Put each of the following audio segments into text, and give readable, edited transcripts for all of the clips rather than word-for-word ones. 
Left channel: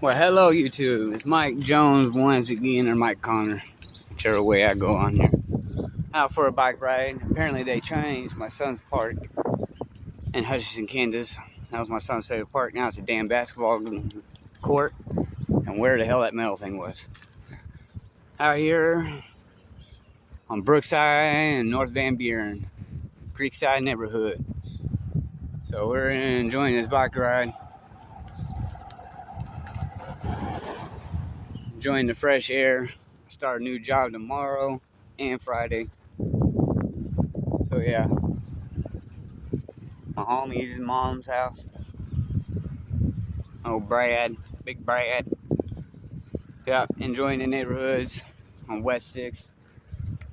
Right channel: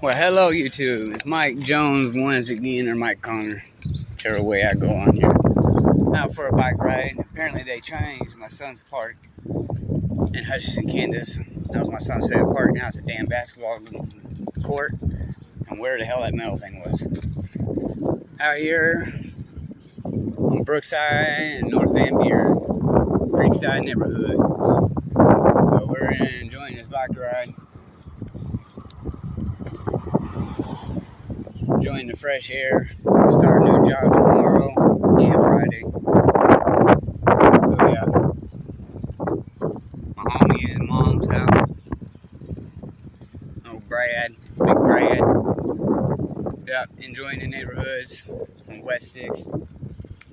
Well, hello YouTube. It's Mike Jones once again, or Mike Connor, whichever way I go on here. Out for a bike ride. Apparently they changed my son's park in Hutchinson, Kansas. That was my son's favorite park. Now it's a damn basketball court. And where the hell that metal thing was. Out here on Brookside and North Van Buren, Creekside neighborhood. So we're enjoying this bike ride. Enjoying the fresh air. Start a new job tomorrow and Friday. So yeah, my homies and mom's house. Oh, Brad, big Brad. Yeah, enjoying the neighborhoods on West 6th.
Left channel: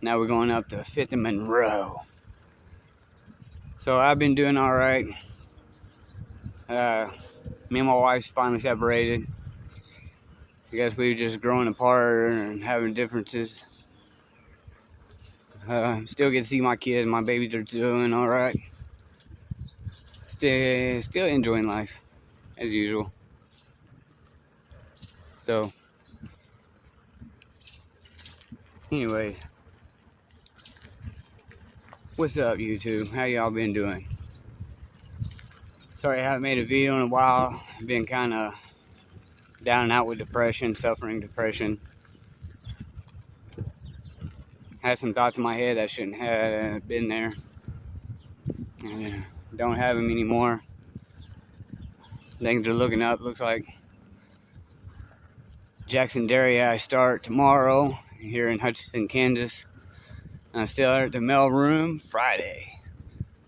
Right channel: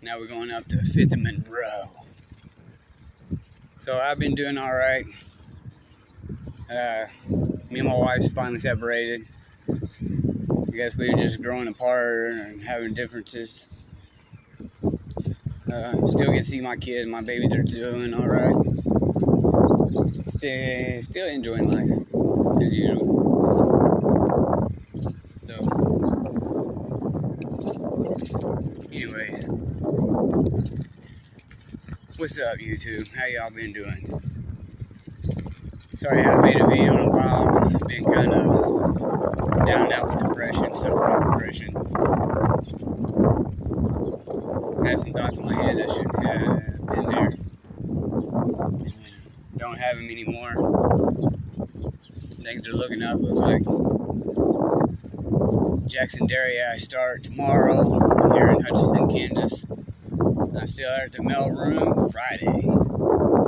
Now we're going up to 5th and Monroe. So I've been doing all right. Me and my wife's finally separated. I guess we were just growing apart and having differences. Still get to see my kids. My babies are doing all right. Still enjoying life as usual. So, anyways, what's up, YouTube? How y'all been doing? Sorry I haven't made a video in a while. Been kind of down and out with depression, suffering depression. Had some thoughts in my head that shouldn't have been there. Don't have them anymore. Things are looking up. Looks like Jackson Dairy I start tomorrow here in Hutchinson, Kansas. And I still at the mail room Friday.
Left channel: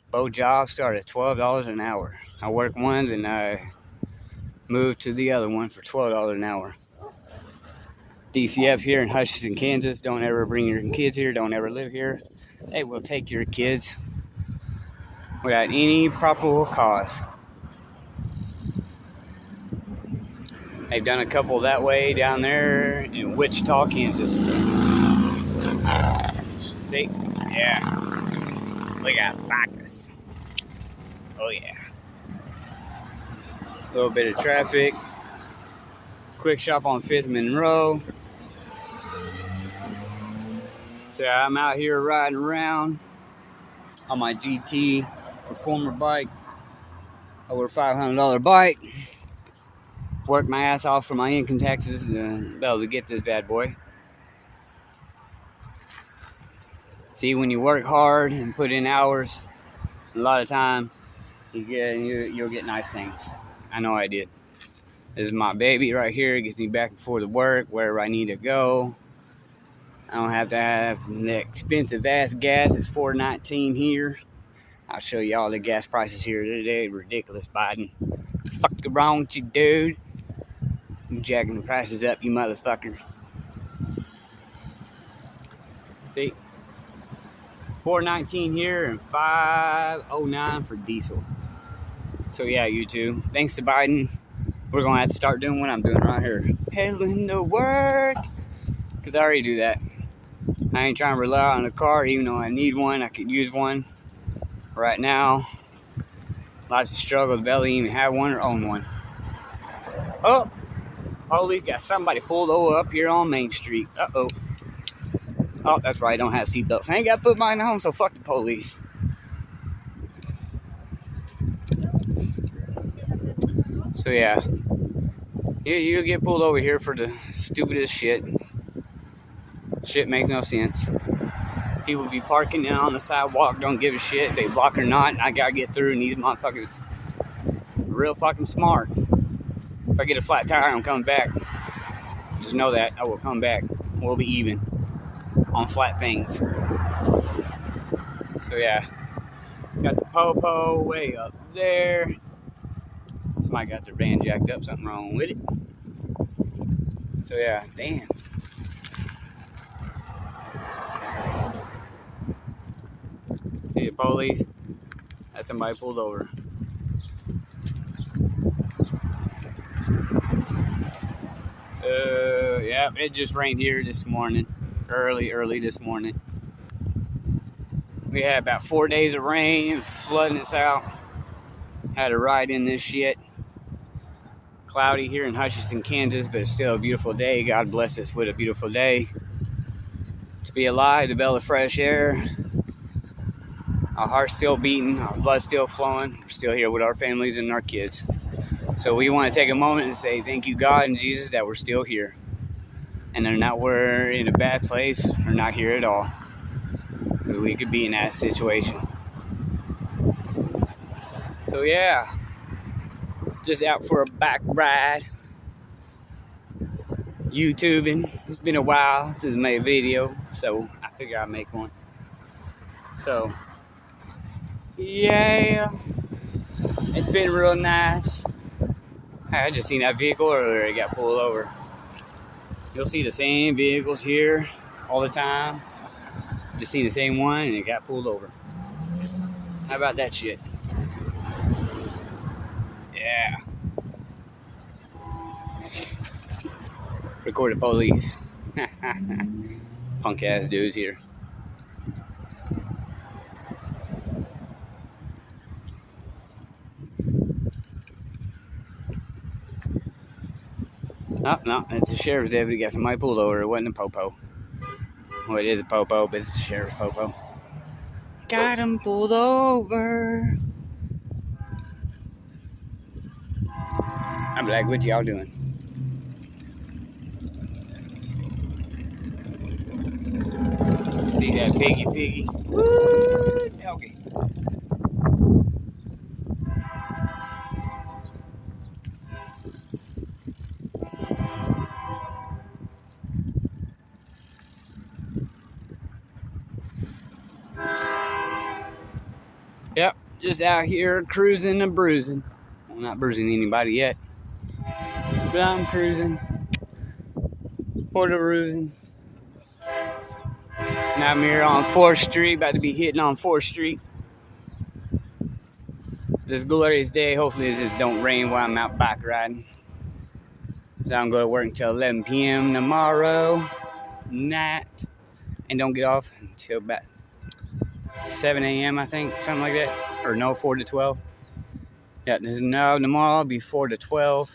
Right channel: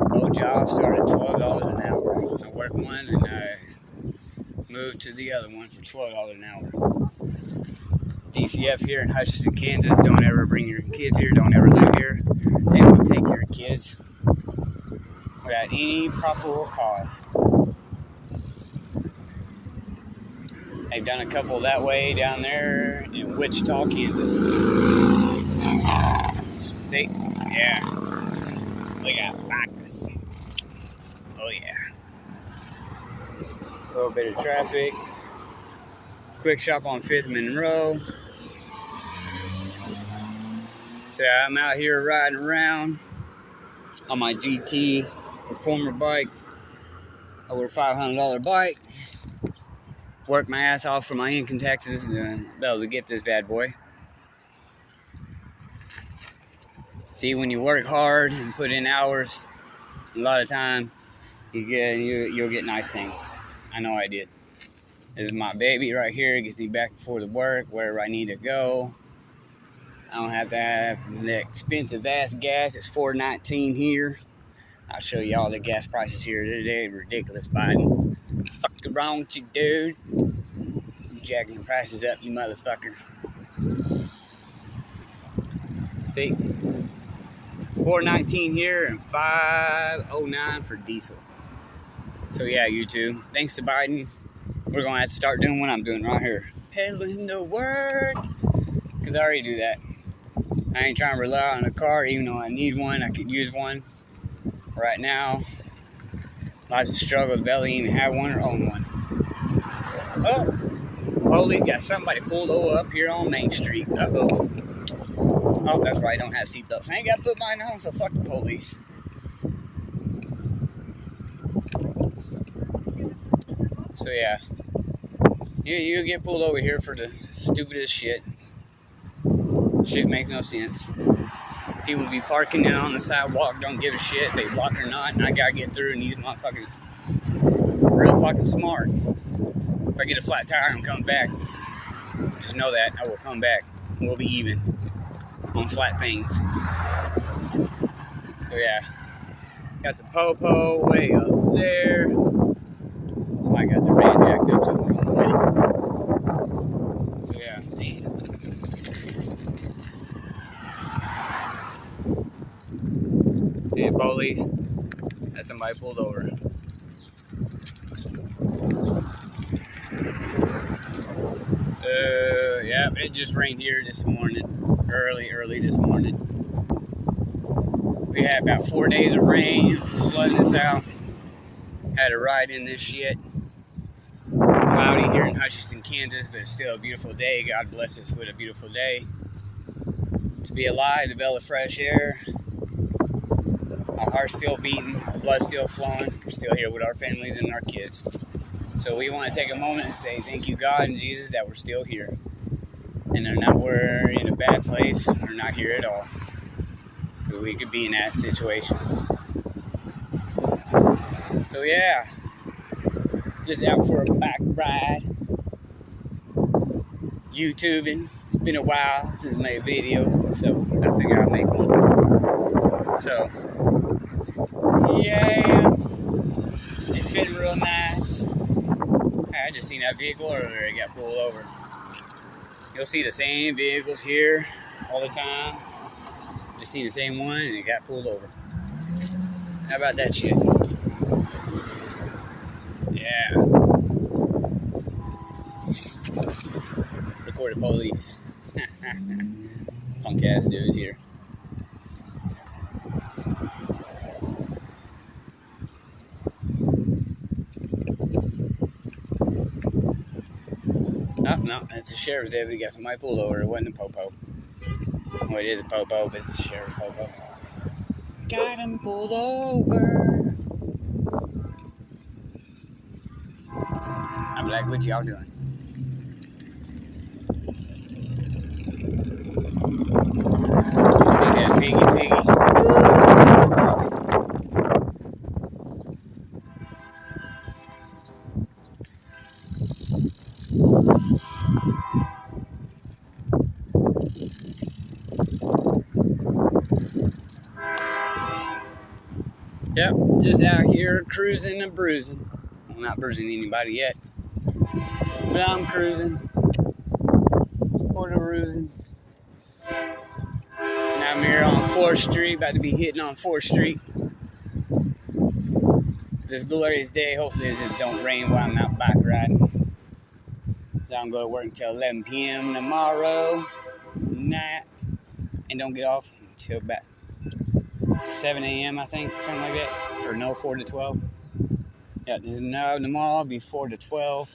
Both jobs start at $12 an hour. I work one and I move to the other one for $12 an hour. DCF here in Hutchinson, Kansas. Don't ever bring your kids here. Don't ever live here. They will take your kids without any probable cause. They've done a couple that way down there in Wichita, Kansas. See? Yeah. We got practice. Oh yeah. A little bit of traffic. Quick shop on 5th and Monroe. So I'm out here riding around on my GT Performer bike. Over $500 bike. Worked my ass off for my income taxes to be able to get this bad boy. See, when you work hard and put in hours, a lot of time, you'll get nice things. I know I did. This is my baby right here. It gets me back and forth to work, wherever I need to go. I don't have to have the expensive ass gas. It's $4.19 here. I'll show you all the gas prices here today. Ridiculous, Biden. Fuck wrong with you, dude? You jacking the prices up, you motherfucker. See? $4.19 here and $5.09 for diesel. So yeah, YouTube. Thanks to Biden. We're gonna have to start doing what I'm doing right here. Heading to work. Cause I already do that. I ain't trying to rely on a car, even though I need one. I could use one. Right now, lots of struggle to barely even have one or own one. Oh, police got somebody pulled over up here on Main Street. Uh-oh. Oh, that's right, I don't have seatbelts. I ain't got to put mine on, so fuck the police. So yeah, you get pulled over here for the stupidest shit. Shit makes no sense. People be parking down on the sidewalk, don't give a shit. They block or not, and I gotta get through. And these motherfuckers real fucking smart. If I get a flat tire, I'm coming back. Just know that I will come back. We'll be even on flat things. So yeah, got the popo way up there. Somebody got the van jacked up, something wrong with it. So yeah, damn. See the police? That's somebody pulled over. Yeah, it just rained here this morning. Early this morning. We had about 4 days of rain, flooding us out. Had to ride in this shit. cloudy here in Hutchinson, Kansas, but it's still a beautiful day. God bless us with a beautiful day. To be alive, to be able to fresh air. Our heart's still beating, our blood's still flowing. We're still here with our families and our kids. So we want to take a moment and say thank you, God and Jesus, that we're still here. And they're not we're in a bad place or not here at all. Because we could be in that situation. So yeah, just out for a back ride. YouTubing. It's been a while since I made a video, so I figured I'd make one. So yeah, it's been real nice. I just seen that vehicle earlier, it got pulled over. You'll see the same vehicles here all the time. Just see the same one and it got pulled over. How about that shit? Yeah. Record the police. Punk ass dudes here. No, it's a sheriff's deputy. Got somebody pulled over. It wasn't a popo. Well, it is a popo, but it's a sheriff's popo. Got him pulled over. I'm like, what y'all doing? Look at that piggy. Woo! Yep, just out here cruising and bruising. Well, not bruising anybody yet, but I'm cruising. Porta-roosing. Now I'm here on 4th Street, about to be hitting on 4th Street. This glorious day, hopefully it just don't rain while I'm out bike riding. So I'm going to work until 11 p.m. tomorrow night, and don't get off until about 7 a.m. I think, something like that. Or no, 4 to 12. Yeah, tomorrow I'll be 4 to 12.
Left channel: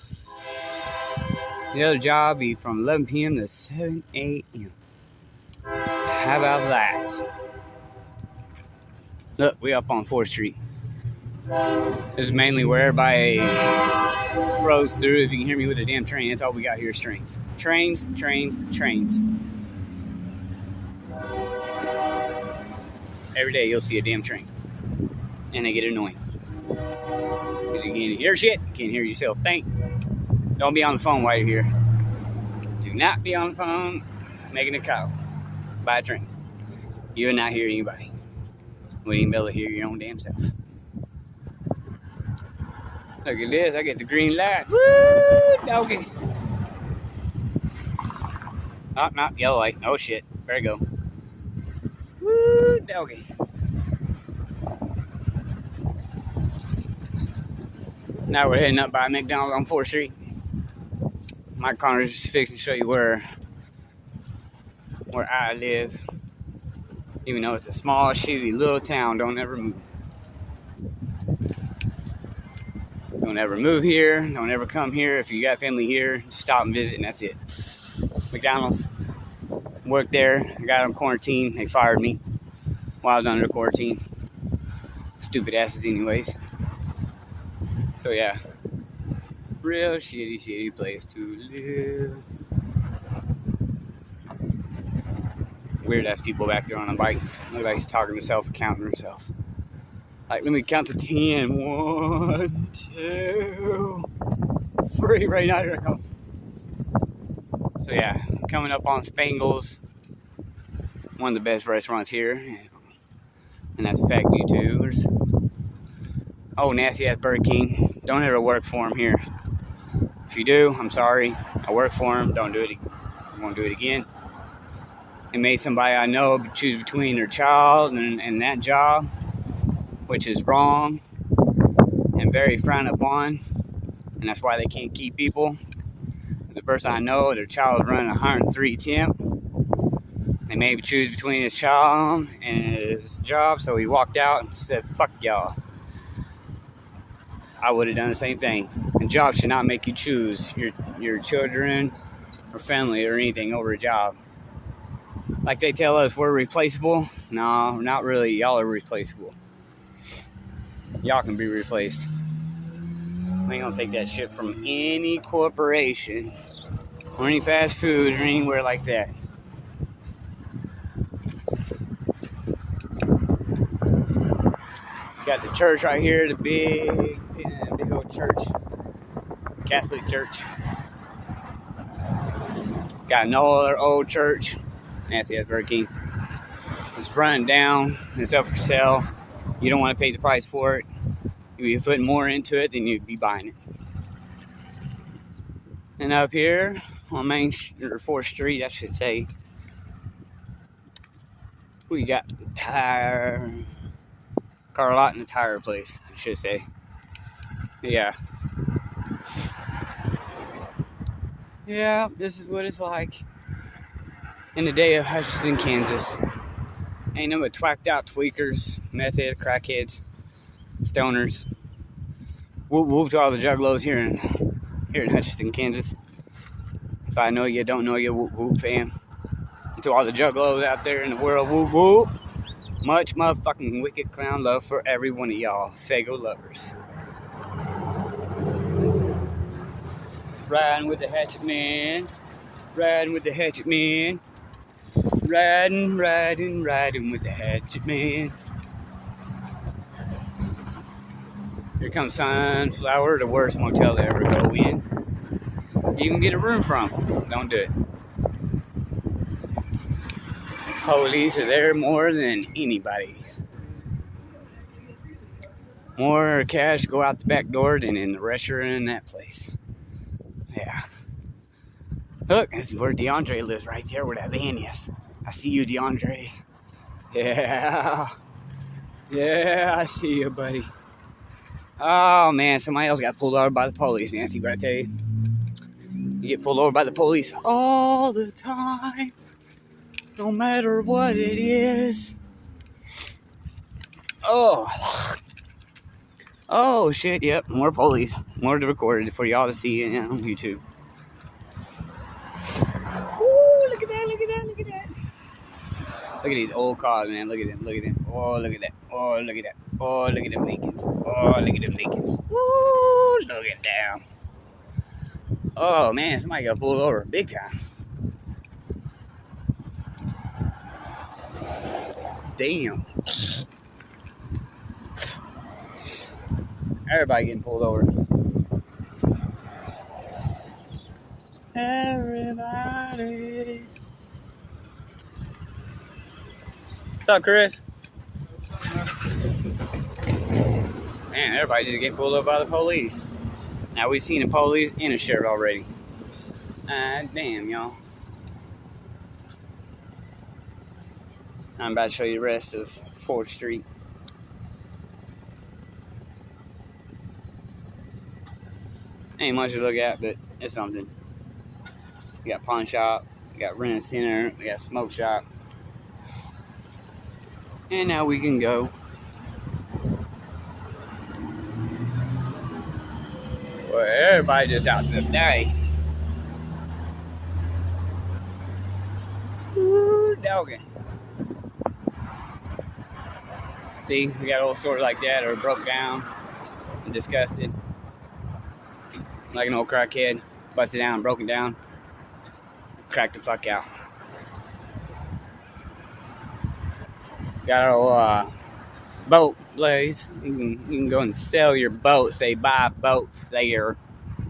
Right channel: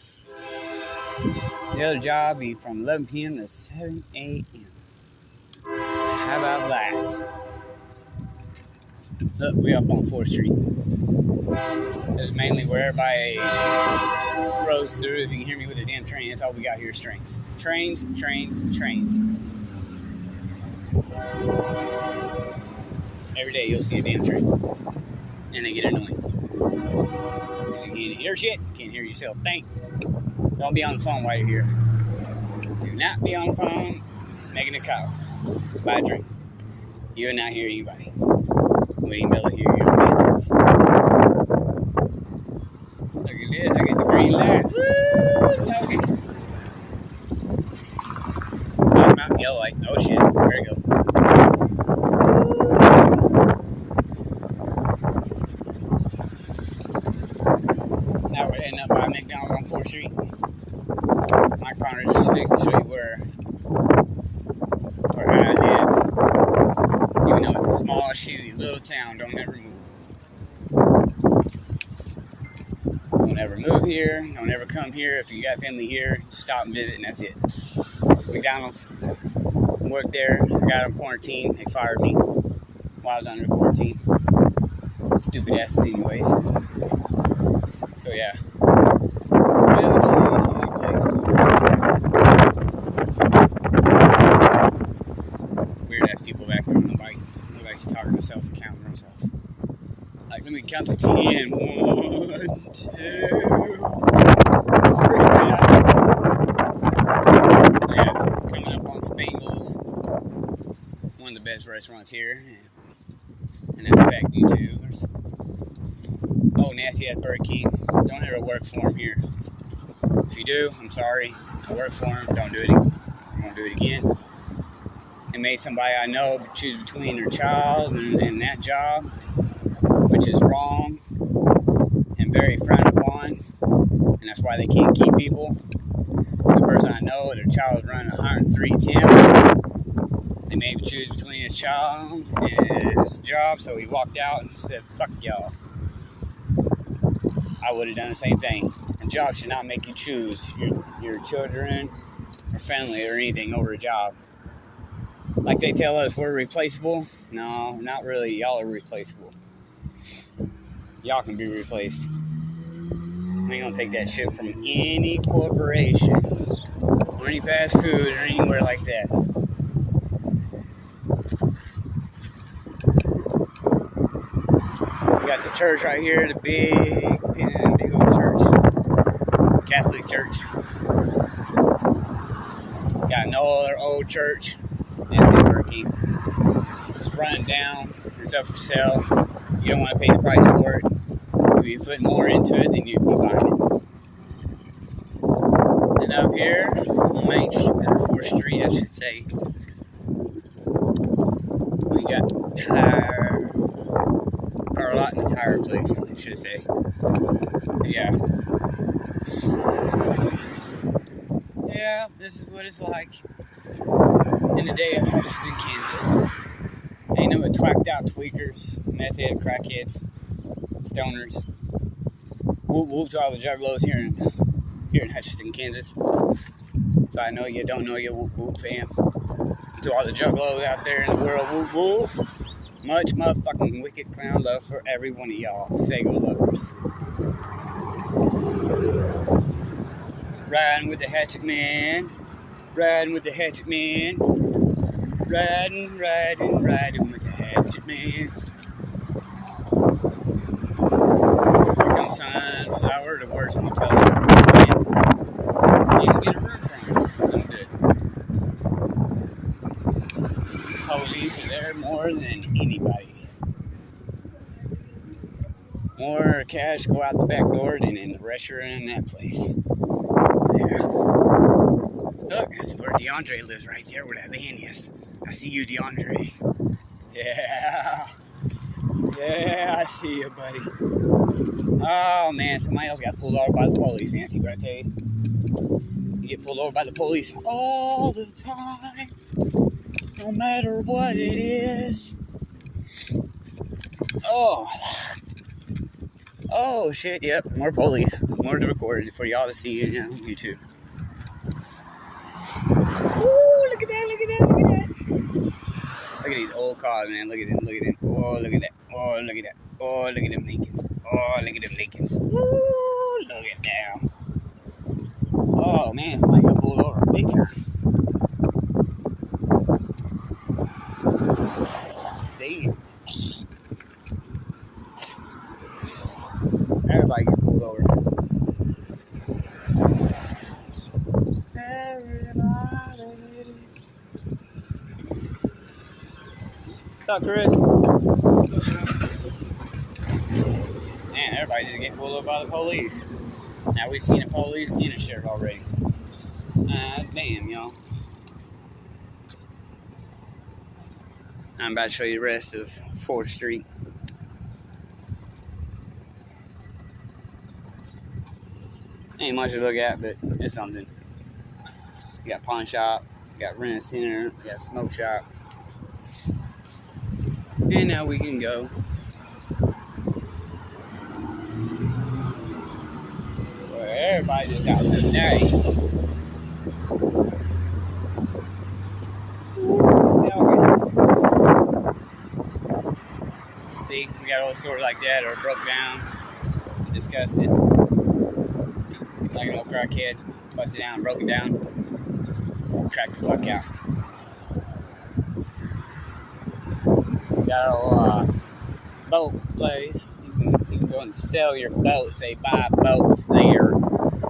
The other job will be from 11 p.m. to 7 a.m. How about that? Look, we up on 4th Street. This is mainly where everybody rolls through. If you can hear me with a damn train, that's all we got here is trains. Trains, trains, trains. Every day you'll see a damn train. And they get annoying. Because you can't hear shit, can't hear yourself think. Don't be on the phone while you're here. Do not be on the phone making a call by a train. You'll not hear anybody. We ain't be able to hear your own damn self. Look at this, I get the green light. Woo! Doggy. Oh, not yellow light. Oh shit. There you go. Woo! Doggy. Now we're heading up by McDonald's on 4th Street. My corner's just fixing to show you where I live. Even though it's a small, shitty little town, don't ever move. Don't ever move here. Don't ever come here. If you got family here, just stop and visit, and that's it. McDonald's. Worked there. I got on quarantine. They fired me while I was under quarantine. Stupid asses, anyways. So yeah, really shitty place too. Weird ass people back there on the bike. Look like he's talking to himself and counting himself. Like, let me count to 10. 1, 2, 3. Right now. So yeah, coming up on Spangles, one of the best restaurants here, and that's fact, YouTubers. Oh, nasty ass Burger King. Don't ever work for him here. If you do, I'm sorry. I work for him. Don't do it. You won't do it again. It made somebody I know choose between their child and that job, which is wrong and very frowned upon. And that's why they can't keep people. The person I know, their child was running 103 temp. They made him choose between his child and his job, so he walked out and said, "Fuck y'all." I would have done the same thing. And jobs should not make you choose your children or family or anything over a job. Like they tell us we're replaceable. No, not really. Y'all are replaceable. Y'all can be replaced. I ain't gonna take that shit from any corporation or any fast food or anywhere like that. We got the church right here, the big old church, Catholic church. Got another old church, Anthony Burger King. It's running down. It's up for sale. You don't want to pay the price for it. If you put more into it, then you'd be buying it. And up here on Main Street, or 4th Street, I should say, we got car lot and a tire place, I should say. Yeah. Yeah, this is what it's like in the day of Hutchinson, Kansas. Ain't no but twacked out tweakers, meth heads, crackheads, stoners. Whoop whoop to all the juggalos here in Hutchinson, Kansas. If I know you, don't know you, whoop whoop fam. To all the juggalos out there in the world, whoop whoop. Much motherfucking wicked clown love for every one of y'all, Fago lovers. Riding with the Hatchet Man, riding with the Hatchet Man, riding with the Hatchet Man. Here comes Sunflower, the worst motel ever you can get a room from. Don't do it. Police are there more than anybody. More cash go out the back door than in the restaurant in that place. Yeah. Look, that's where DeAndre lives, right there where that van is. I see you, DeAndre. Yeah. Yeah, I see you, buddy. Oh, man, somebody else got pulled over by the police, man. See what I tell you? You get pulled over by the police all the time. No matter what it is. Oh, shit, yep. More police. More to record for y'all to see on YouTube. Ooh, look at that, look at that, look at that. Look at these old cars, man. Look at them, look at them. Oh, look at that. Oh, look at that. Oh, look at them Lincolns. Oh, look at them Lincolns. Ooh, look at them. Oh, man, somebody got pulled over big time. Damn. Everybody getting pulled over. Everybody. What's up, Chris? Man, everybody just getting pulled over by the police. Now we've seen the police and a sheriff already. Damn, y'all. I'm about to show you the rest of 4th Street. Ain't much to look at, but it's something. We got pawn shop, we got rent center, we got smoke shop. And now we can go. Well, everybody just out there today. See, we got old stores like that that are broke down and disgusted. Like an old crackhead, busted down and broken down. Cracked the fuck out. Got our old boat place. You can go and sell your boat. Say buy boats there.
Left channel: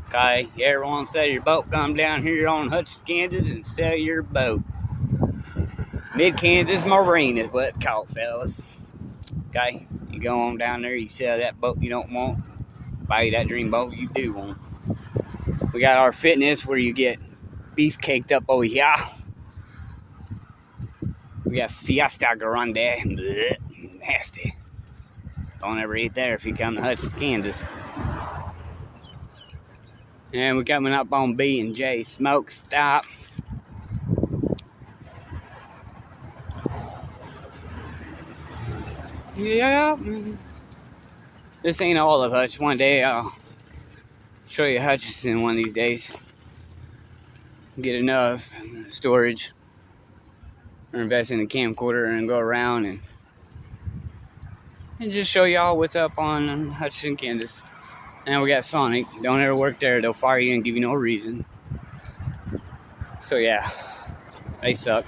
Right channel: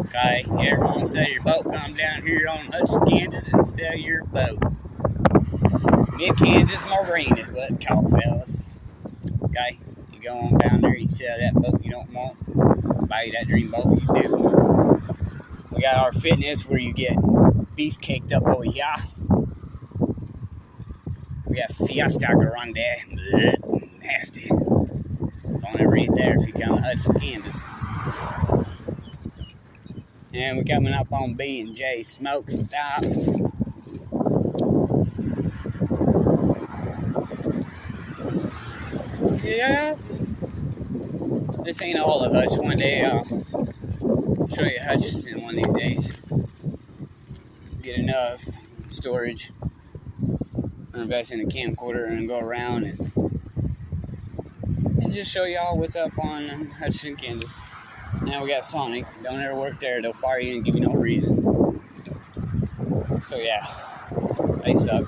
Okay? You ever want to sell your boat, come down here on Hutchinson, Kansas and sell your boat. Mid-Kansas Marine is what it's called, fellas. Okay? You go on down there, you sell that boat you don't want. Buy you that dream boat you do want. We got our fitness where you get beef caked up over here. We got Fiesta Grande. Blech, nasty. Don't ever eat there if you come to Hutchinson, Kansas. And we're coming up on B&J Smoke Stop. Yeah. This ain't all of Hutch. One day I'll show you Hutchinson one of these days. Get enough storage or invest in a camcorder and go around and just show y'all what's up on Hutchinson, Kansas. Now we got Sonic. Don't ever work there. They'll fire you and give you no reason. So yeah, they suck.